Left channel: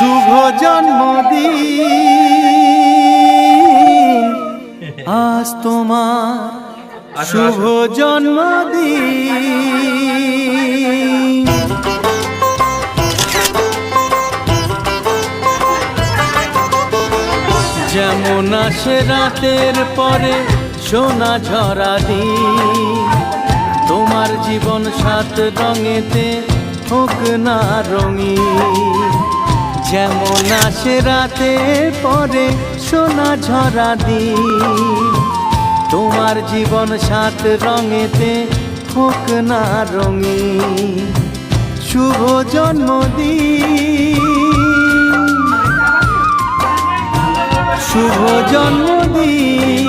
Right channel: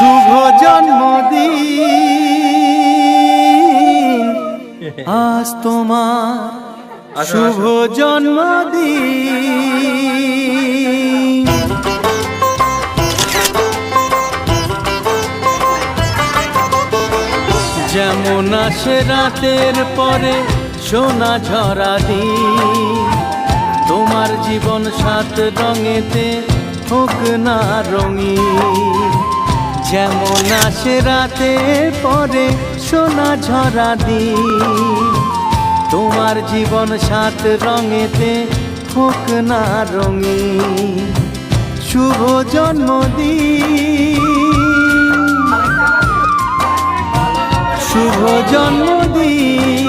শুভ জন্মদিন আজ তোমার শুভ জন্মদিন। যেমন আসে রাতের পরে সোনা ঝরা দিন, তোমার জীবন সাত রঙেতে হোক না রঙিন। যেমন আসে রাতের পরে সোনা ঝরা দিন, তোমার জীবন সাত রঙেতে হোক না রঙিন। শুভ জন্মদিন, শুভ জন্মদিন।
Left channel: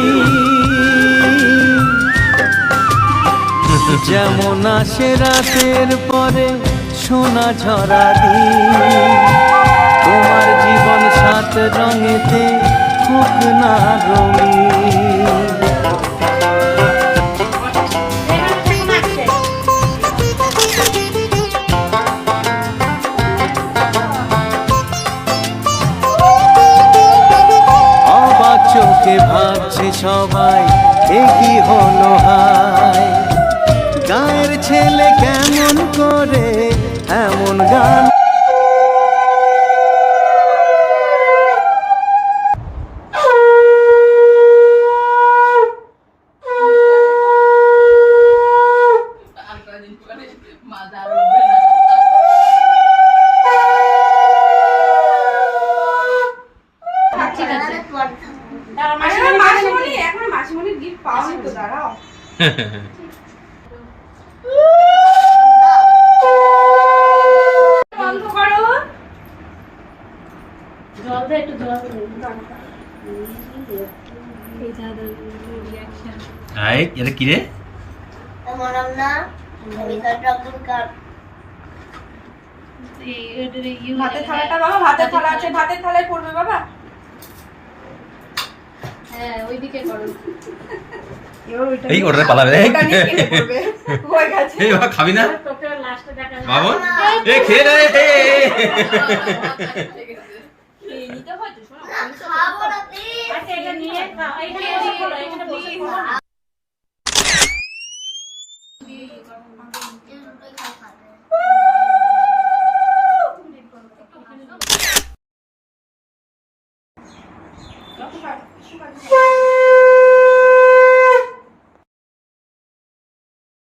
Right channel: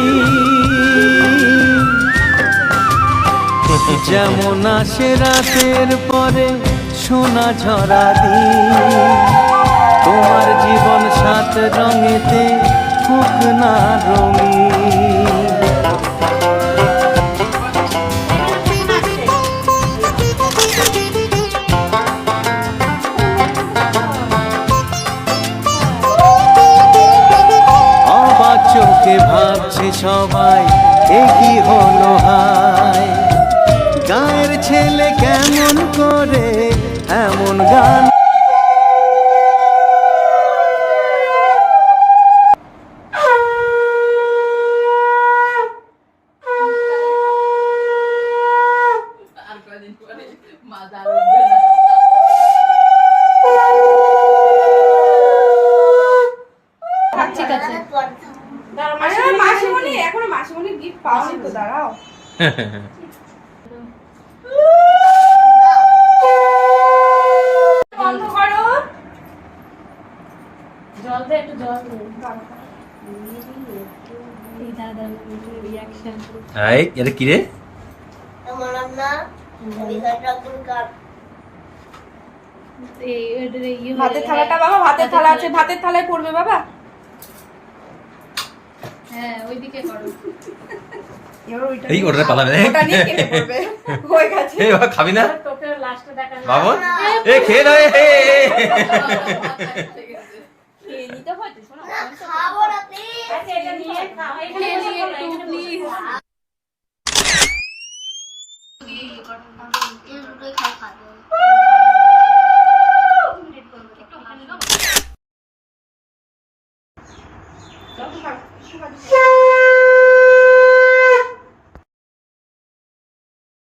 যেমন আসে রাতের পরে সোনা ঝরা দিন, তোমার জীবন সাত রঙেতে হোক না রঙিন। অবাক চোখে ভাবছে সবাই এ কি হলো হায়, গায়ের ছেলে কেমন করে এমন গান। এটা কি রে? ভাতের থালাটা বাবা, ভাতের থালা আছে, ভাতের থালায় পড়বে বাবা। হ্যাঁ ওইদিকে করো। এই ওটা পালাবে। ওটা নিয়ে খেয়ে পড়বে। হয়ে গেছে। এই বাবা খাবি না? তোকে লাস্টে দেখা। বাবা এই খেয়ে না। খেয়ে নিতে হচ্ছে শোনো। খাবো না প্লিজ। আচ্ছা এটা নিয়ে খাও। এই খেয়ে নিয়ে একটু প্লিজ।